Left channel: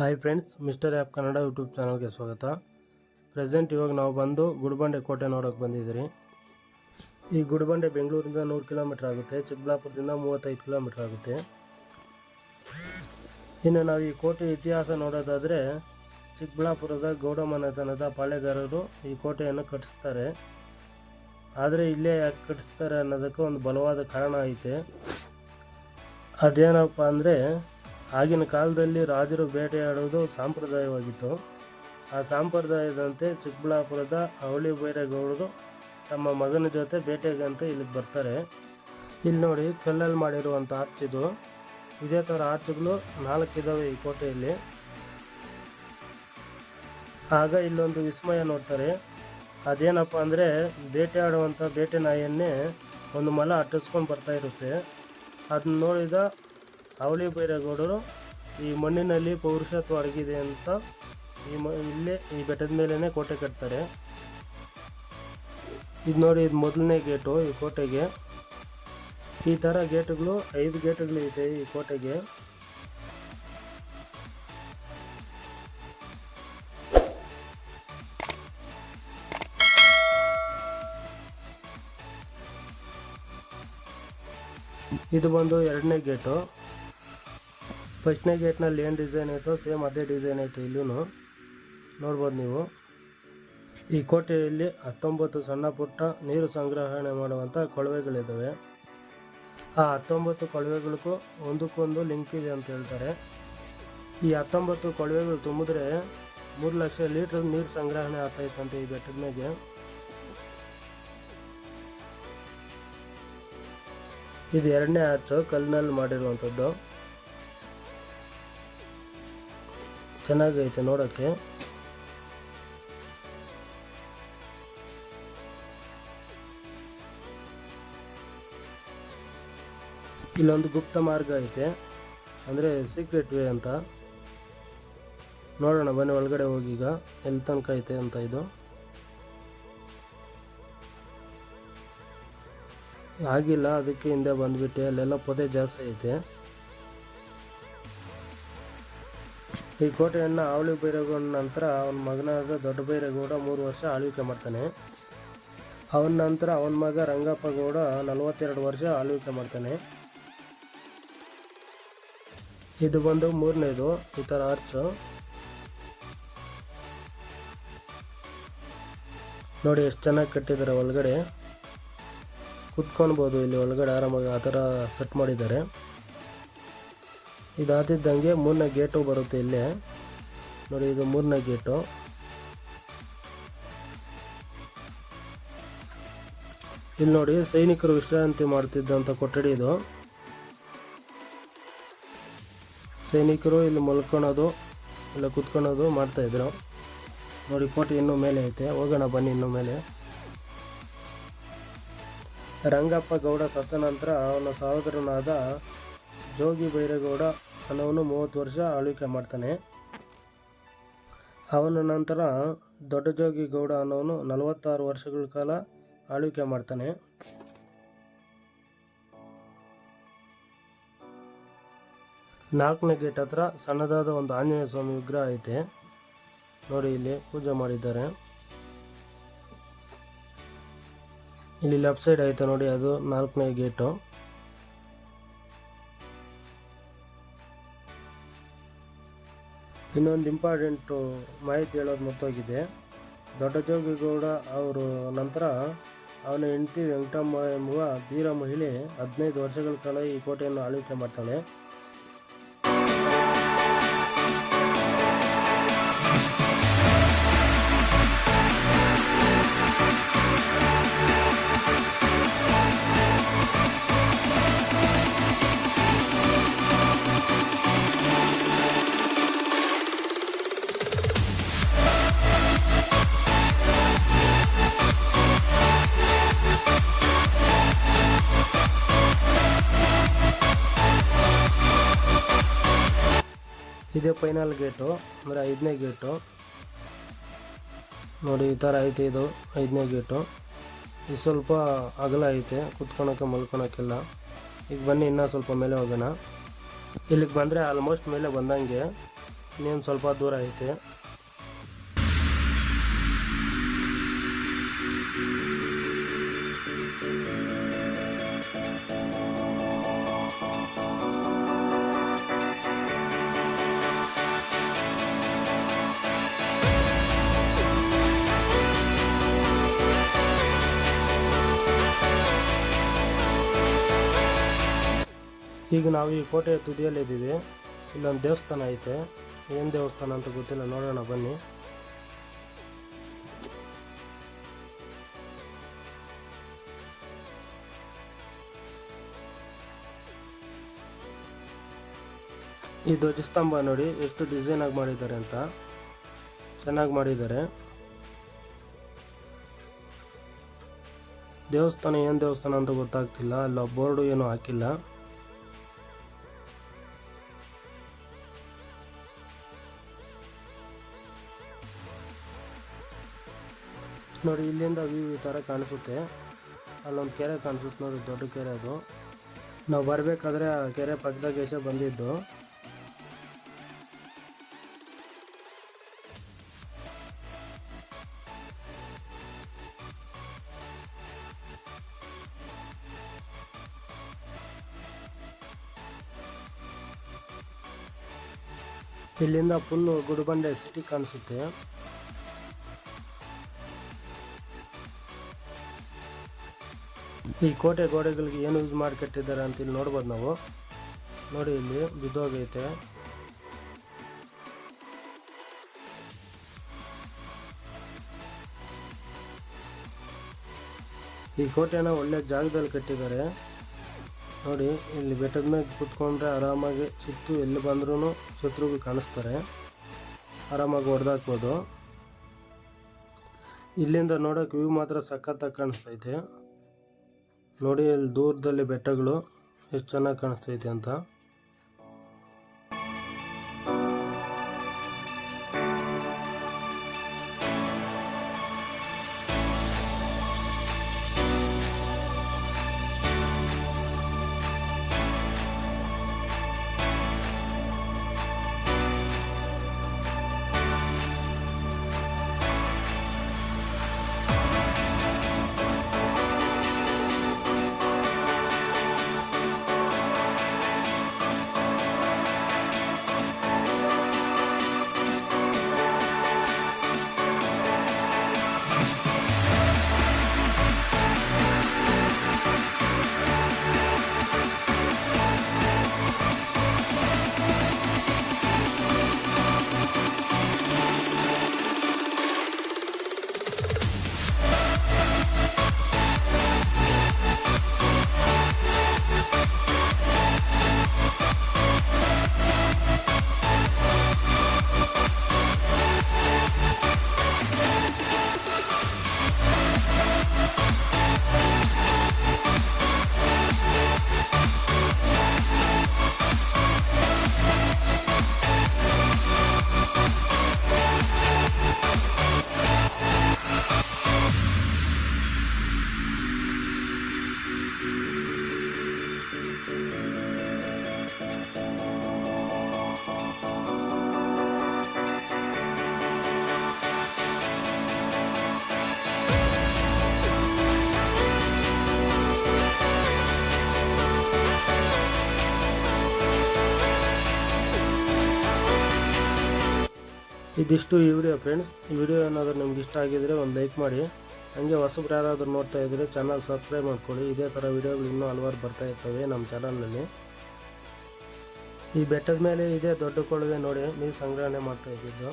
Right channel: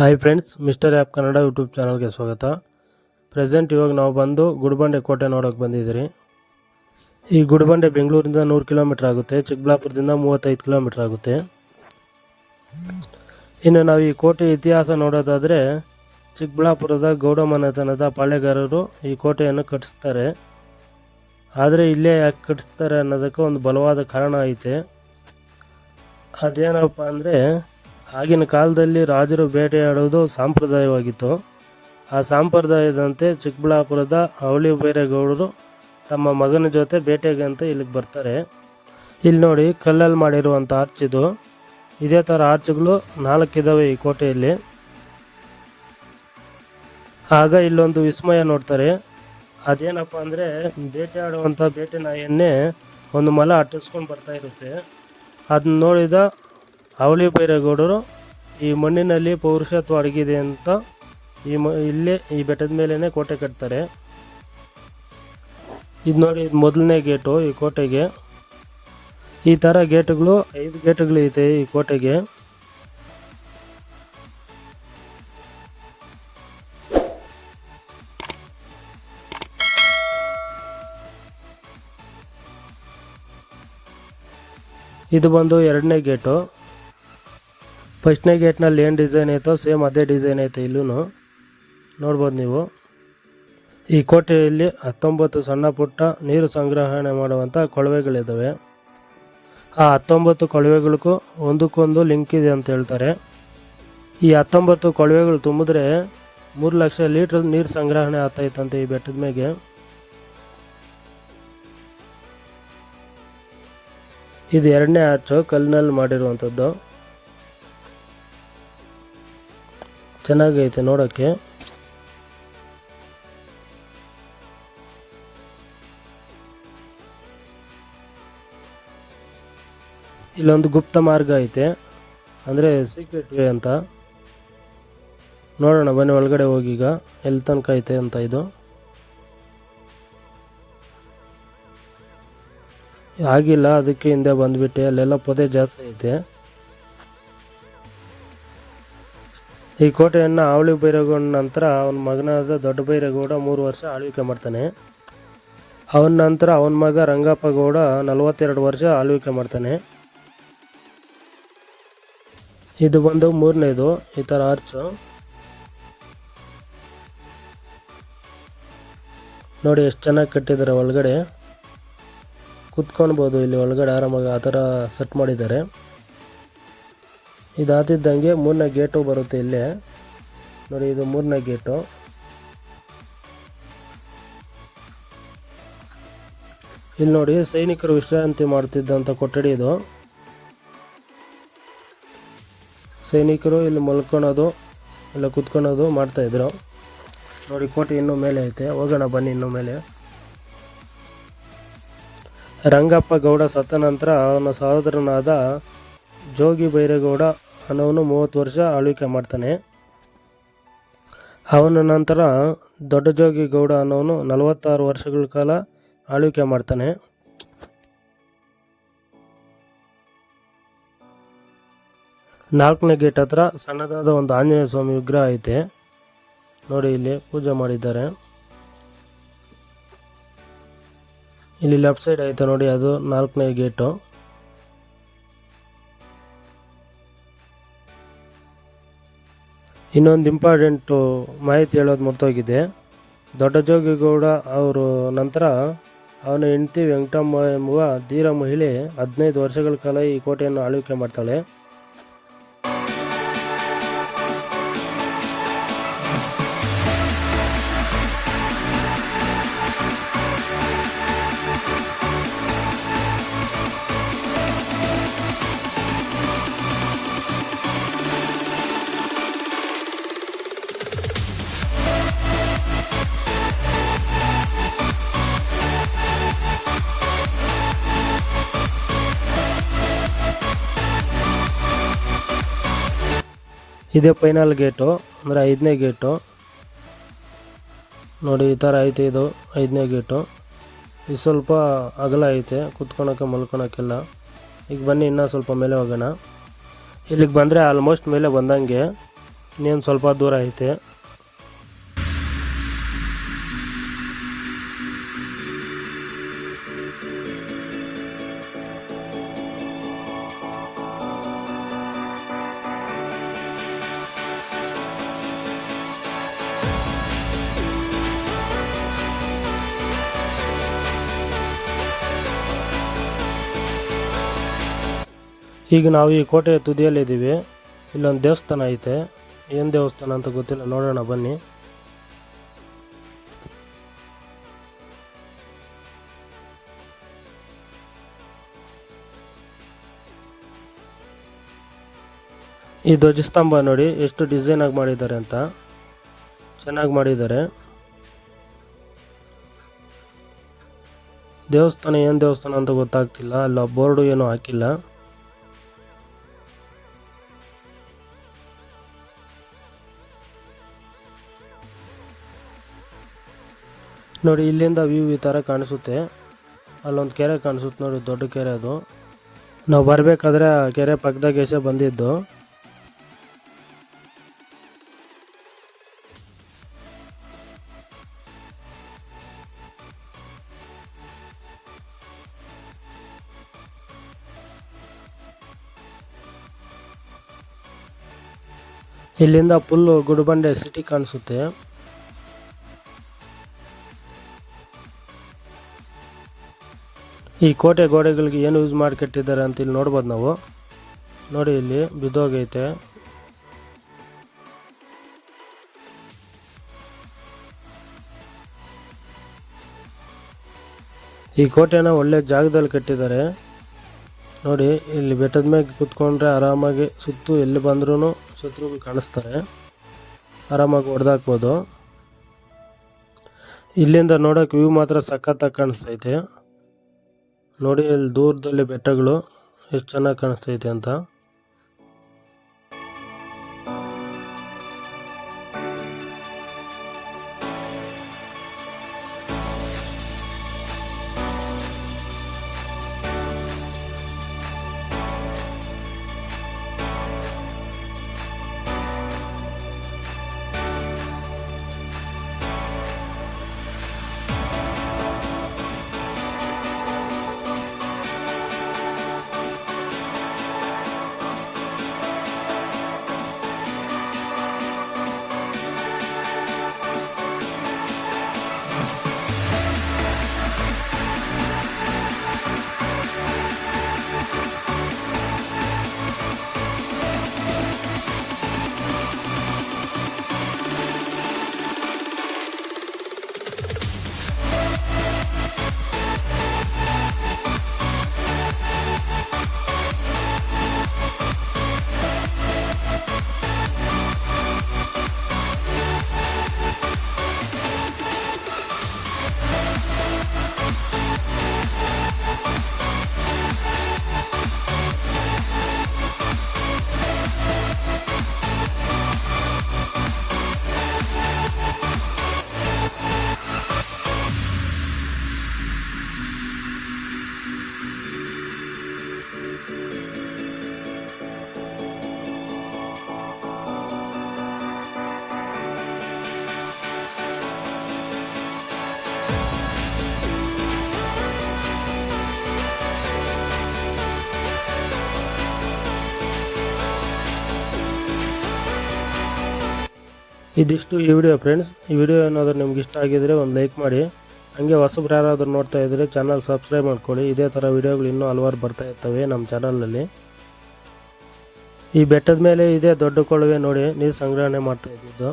Hi friends mister app Kannada YouTube ಚಾನಲ್ಗೆ ಸ್ವಾಗತ. Present ಇವಾಗ ನಾವು ಬಂದು ಗುಡ್ಬಂಡೆ ಕೋಟೆ ನೋಡೋಕ್ಕೆ ಬಂದಿದ್ದೀರಿ. ಈ ಗುಡಿಬಂಡೆ ಬೆಂಗಳೂರಿಂದ ನೂರು ಕಿಲೋಮೀಟ್ರ್ ಆಗುತ್ತೆ, ಚಿಕ್ಕಬಳ್ಳಾಪುರದಿಂದ ಮೂವತ್ತೈದು ಕಿಲೋಮೀಟ್ರ್ ಆಗುತ್ತೆ. ಇನ್ನು ನಾವು ಈ ಕೋಟೆ ಇತಿಹಾಸ ನೋಡೋದಾದರೆ ಚಿಕ್ಕಬಳ್ಳಾಪುರದ ಗೌಡ ಮನೆತನದ ಪಾಳೆಗಾರರು ಈ ಕೋಟೆಯನ್ನು ಕಟ್ಟಿಸ್ತಾರೆ. ಆದರೆ ಇಲ್ಲೇ ಯಾಕೆ ಕಟ್ಟಿಸ್ತಾರೆ ಅನ್ನೋದಕ್ಕೆ ಒಂದು ಬಲವಾದ ಕಾರಣ ಐತೆ. ಅದೇನಪ್ಪ ಅಂದರೆ ಆಗಿನ ಕಾಲದಲ್ಲಿ ರಾಜರು ಬೇಟೆಯಾಡೋದು ಸಾಂಪ್ರದಾಯವಾಗಿತ್ತು. ಆ ಸಾಂಪ್ರದಾಯದಂತೆ ಚಿಕ್ಕಬಳ್ಳಾಪುರದ ಅವಳಿ ಬೈರೇಗೌಡರು ತಮ್ಮ ಮಗನ ಜೊತೆ ಬೇಟೆಗೆ ಅಂತ ಇಲ್ಲಿಗೆ ಬರ್ತಾರೆ. ಇಲ್ಲಿ ನೋಡಿ ಕಲ್ಲಲ್ಲಿ ಮಾಡಿರುವಂಥ ಆರ್ಚ್ ಇದು ಇದೇ ಥರ ಆರ್ಚ್ಗಳು ನಾಲ್ಕಿದ್ದಾವೆ ಈ ಕೋಟೆಯಲ್ಲಿ. ಆಗ ಇಲ್ಲೊಂದು ವಿಸ್ಮಯ ನೋಡ್ತಾರೆ. ಅದೇನಪ್ಪ ಅಂದರೆ ಬೇಟೆಯಾಡುವಂಥ ಬೇಟೆ ನಾಯಿಯನ್ನೇ ಒಂದು ಮಲ ಅಟ್ಟಿಸ್ಕೊಂಡು ಬರ್ತಾ ಇರುತ್ತೆ. ಅದನ್ನ ನೋಡಿದ ಅವಳಿ ಬೈರೇಗೌಡರು ಈ ಮಣ್ಣಿನಲ್ಲಿ ಪೌರುಷತ್ವ ಅಡಗಿದೆ ಅಂತ ಈ ಮ, ಇಲ್ಲೇ ಈ ಬೆಟ್ಟದ ಮೇಲೇ ಕೋಟೆ ಕಟ್ತಾರೆ. ಇದು ನೋಡಿ ಇದು ಮೊದಲನೇ ಗೇಟು ಈ ಕೋಟೆಗೆ. ಈ ಥರ ಗೇಟ್ಗಳು, ಐದು ಗೇಟುಗಳು ಇದೆ ಈ ಕೋಟೆಗೆ. ಇದು ಬಂದು ಎರಡನೇ ಗೇಟು. ಫಸ್ಟ್ನೇ ಗೇಟ್ನಲ್ಲಿ ಏನು ಡಿಸೈನ್ ಐತೋ ಸೇಮ್ ಅದೇ ಡಿಸೈನ್ ಐತೆ ಇಲ್ಲೂ ನೋಡ್ಬೋದು ನೀವು. ಈ ಕೋಟೆಯಲ್ಲಿ ಹತ್ತೊಂಬತ್ತು ಸಣ್ಣ ಪುಟ್ಟ ನೀರು ಸಂಗ್ರಹಣೆ ಮಾಡುವಂಥ ಕೊಳವೆಗಳಿದ್ದಾವೆ ಆ ಹತ್ತೊಂಬತ್ತು ಕೊಳವೆಗಳಿಗೂ ಒಂದಕ್ಕೊಂದು ಲಿಂಕ್ ಇದೆ ಅಂತ ಹೇಳ್ತಾರೆ. ಈ ಹತ್ತೊಂಬತ್ತು ಕೊಳವೆಗಳು ತುಂಬಿದ್ರೆ ಮೂರು ಲಕ್ಷ ಲೀಟ್ರ್ ನೀರು ಸಂಗ್ರಹಣೆ ಆಗ್ತಾಯಿತ್ತಂತೆ ಈ ಬೆಟ್ಟದ ಮೇಲೆ ಇದು ಎರಡನೇ ಆಚು ಕಲ್ಲಿನಲ್ಲಿ ಮಾಡಿರುವಂಥದ್ದು. ಚೆನ್ನಾಗೈತೆ ನೋಡೋಕ್ಕೆ ಇಲ್ಲೊಂದು ಗುಪ್ತ ಮಾರ್ಗ ಐತೆ. ಅಂದರೆ ಸೀಕ್ರೆಟ್ ವೇ ಅಂತ. ನೋಡೋಣ, ಬನ್ನಿ ಒಳಗಡೆ ಹೋಗೀಗ ಎಲ್ಲಿ ತನಕ ಐತೆ ಅಂತ ಇದು. ಆಗಿಲ್ಲ, ಅದಕ್ಕೆ ಹಿಂದೆ ಬಂದ್ಬಿಟ್ಟೆ. ಅಲ್ಲೆಲ್ಲ ಪೊದೆ ಜಾಸ್ತಿ ಐತೆ. ಈ ಕೋಟೆಯನ್ನು ಆವಳಿ ಬೈರೇಗೌಡ ನಂತರ ಅವನ ಮಗನಾದ ದೊಡ್ಡ ಬೈರೇಗೌಡ ಮೂರು ವರ್ಷ ಆಳ್ವಿಕೆ ಮಾಡ್ತಾನೆ. ಅವನ ನಂತರ ಅವನ ಮಗ ರಂಗಪ್ಪ ಗೌಡ ನಲವತ್ತೆರಡು ವರ್ಷ ಆಳ್ವಿಕೆ ಮಾಡ್ತಾನೆ. ಇದು ಬಂದು ಮೂರನೇದು, ಈ ಥರ ಆರ್ಚು. ನೋಡಿ ಎಷ್ಟು ಚೆನ್ನಾಗಿ ಕಟ್ಟಿದ್ದಾರೆ ಒಳಗಡೆ. ಕುತ್ಕೊಳ್ಬೋದು ಇಲ್ಲಿ ಒಳಗಡೆ ಆರಾಮಾಗಿ ಆ ಥರ ಸೆಟ್ ಮಾಡಿದ್ದಾರೆ. ಇದಾತಿದ್ದಂಗೆ ಮೂರನೇ ಗೇಟು ಬರುತ್ತೆ ಇಲ್ಲೇ. ನೋಡಿ, ಇದು ಮೂರನೇ ಗೇಟು. ಇಲ್ಲಿ ನೋಡಿ, ಸೈನಿಕರು ವಿಶ್ರಾಂತಿ ಮಾಡ್ತಿದ್ದಂಥ ಕೊಠಡಿ ಇದು. ಸೈನಿಕರು ಇಲ್ಲಿ ಮಲ್ಕೊಳೋದು, ಇಲ್ಲ ಕುತ್ಕೊಳೋದು ಮಾಡ್ತಾಯಿದ್ರು ನೋಡಿ, ಕೋಟೆ ಇನ್ನೂ ಮೇಲೆ ಐತೆ. ಹೋಗೋಣ ಬನ್ನಿ ಇನ್ನೂ ಮೇಲೆ. ರಂಗಪ್ಪ ಗೌಡ ಸತ್ತ ನಂತರ ಅವನ ಸಹೋದರನಾದ ಜೋಗಿ ಬೈರೇಗೌಡ ಅನ್ನೋನು ಮೂವತ್ತು ವರ್ಷ ಆಳ್ವಿಕೆ ಮಾಡ್ತಾನೆ. ಅವನ ನಂತರ ದೊಡ್ಡ ಜೋಗಿ ಗೌಡ ಅನ್ನೋನು ನಲವತ್ತಾರು ವರ್ಷಗಳ ಕಾಲ ಆಳ್ವಿಕೆ ಮಾಡ್ತಾನೆ. ನಾಲ್ಕನೇ ಗೇಟ್ ಹತ್ರ ಸಣ್ಣದಾದ ಒಂದು ಆಂಜನೇಯ ಸ್ವಾಮಿ ವಿಗ್ರಹ ಐತೆ. ನೋಡಿ ಇಲ್ಲಿ ಪೂಜೆ ಮಾಡಿದ್ದಾರೆ. ಇಲ್ಲಿ ಲೆಫ್ಟ್ ಸೈಡ್ ಐತೆ ನೋಡಿ ಅದು ನಾಲ್ಕನೇ ಗೇಟು. ಇನ್ನೊಂದು ಇಂಪಾರ್ಟೆಂಟು ಮಾಹಿತಿ ಹೇಳೋದು ಮರ್ತೋಗಿದೆ. ದೊಡ್ಡ ಜೋಗಿಗೌಡ ಅವರು ನಂತರ ಅವನ ಹೆಂಡತಿ ವೆಂಕಟಮ್ಮ ಎಂಬುವ ಧೀರ ಮಹಿಳೆ ಹದಿನೈದು ವರ್ಷಗಳ ಕಾಲ ಈ ಕೋಟೆಯನ್ನು ಆಳ್ವಿಕೆ ಮಾಡ್ತಾಳೆ. ಇದೇ ಫೈನಲ್ ಗೇಟು ಅಂದರೆ ಐದನೇ ಗೇಟು ನೋಡಿ, ಈ ಥರ ಐತೆ ಇದು, ಐದನೇ ಗೇಟು ಇದು ಸ್ವಲ್ಪ ಅಗಲ ಐತೆ, ಕುತ್ಕೊಳಕ್ಕೆ ಮಲ್ಕೊಳಕ್ಕೆಲ್ಲ. ಈಗ ಬನ್ನಿ, ಇನ್ನೂ ಸ್ವಲ್ಪ ಮೇಲೆ ಹೋಗೋಣ. ಇಲ್ಲಿಗೆ ಬಂದರೆ ಆಲ್ಮೋಸ್ಟ್ ಮೇಲೆ ಬಂದಂಗೆ ಇನ್ನೇನು ಸ್ವಲ್ಪ ದೂರ ಐತೆ. ಈಗ ನಾವು ಈ ಕೋಟೆಯ ತುದಿಯಲ್ಲಿದ್ದೀವಿ ಇಲ್ಲೊಂದು ದೇವಸ್ಥಾನ ಐತೆ. ಏನು ದೇವಸ್ಥಾನ ಅಂತ ಗೊತ್ತಿಲ್ಲ. ನೋಡೋಣ, ಬನ್ನಿ. ಈ ಧ್ವಜಸ್ತಂಭ ನೋಡಿ, ಎಷ್ಟು ಡಿಸೈನ್ ಆಗಿ ಮಾಡಿದ್ದಾರೆ ಅಂತ. ಚೆನ್ನಾಗಿ ಮಾಡಿದ್ದಾರೆ. ದೇವಸ್ಥಾನ ಏನು ದೇವಸ್ಥಾನ ಅಂತ ಗೊತ್ತಾಗ್ತಿಲ್ಲ. ಅಲ್ಲ, ಬೋರ್ಡು ಏನೂ ಹಾಕಿಲ್ಲ. ನೋಡಿ, ಇಲ್ಲಿಂದ ವ್ಯೂ ಈ ಥರ ಕಾಣಿಸುತ್ತೆ. ಅಲ್ಲೊಂದು ಕೆರೆ ಕಾಣಿಸುತ್ತೆ ನೋಡಿ, ದೊಡ್ಡ ಕೆರೆ ಅದು. ನಾವು ಬರಬೇಕಾದ್ರೆ ಕೆರೆ ಪಕ್ಕದಾಗ ಎಸೆ ಬಂದಿದ್ದು. ಇಲ್ಲಿಂದ ಫುಲ್ಲು ಗುಡಿಬಂಡೆ ಸಿಟಿ ಕಾಣಿಸುತ್ತೆ. ಈ ಕೋಟೆ ಗೋಡೆಗಳಿಗೆ ಏನು ಯೂಸ್ ಮಾಡಿ ಕಟ್ಟಿದ್ದಾರೆ ಅಂತ ಇಲ್ಲಿ ನೋಡ್ಬೋದು ನಾವು. ನೋಡಿ ಇಲ್ಲಿ ಬಿದ್ದೋಗೈತೆ. ಈ ಕೋಟೆನ ಒಳ್ಳೆ ಜಾಗದಲ್ಲಿ ಕಟ್ಟಿದ್ದಾರೆ. ನೋಡಿ, ಇಲ್ಲಿ ಬೆಟ್ಟದ ಮೇಲೆ ಕುತ್ಕೊಂಡ್ರೆ ಆರಾಮಾಗಿ ಸುತ್ತು ಎಲ್ಲಿ ಬಂದ್ರೂ ಶತ್ರುಗಳು ಕಾಣಿಸ್ತಾರೆ. ಆರಾಮಾಗಿ ಹೊಡೆದಾಕ್ಬೋದು. ಇಲ್ಲಿಂದ ನೋಡೋಕೆ ವ್ಯೂ ಮಾತ್ರ ಸಖತ್ತಾಗಿ ಕಾಣಿಸ್ತೈತೆ. ನೋಡಿ ಅಲ್ಲಿ ದೂರದಲ್ಲಿ ಬೆಟ್ಟಗಳು ಎಷ್ಟು ಚೆನ್ನಾಗಿ ಕಾಣಿಸ್ತೈತೆ ಅಂತ. ಇದಿಷ್ಟು ಈ ವಿಡಿಯೋ ಫ್ರೆಂಡ್ಸ್ ಈ ವಿಡಿಯೋ ಏನಾದರೂ ನಿಮ್ಗೆ ಇಷ್ಟ ಆಗಿದ್ರೆ ಒಂದು ಲೈಕ್ ಮಾಡಿ. ಹಂಗೆ ಹೊಸಬ್ರು ಯಾರಾದರೂ ನೋಡ್ತಾ ಇದ್ದರೆ ಚಾನಲ್ ಸಬ್ಸ್ಕ್ರೈಬ್ ಮಾಡ್ಕೊಳ್ಳಿ. ಇದೇ ಥರ ವಿಡಿಯೋಗಳು ಇನ್ನೂ ಹಲವಾರು ಬರ್ತಾ ಇರ್ತವೆ ನಮ್ಮ ಚಾನಲ್ನಲ್ಲಿ ಈ ಬೆಟ್ಟದ ಮೇಲೆ ಇದೇ ದೊಡ್ಡ ಕೊಳವೆ ನೋಡಿ ನೀರು ಸಂಗ್ರಹಣೆ ಮಾಡ್ತಾ ಇದ್ದಿದ್ದು.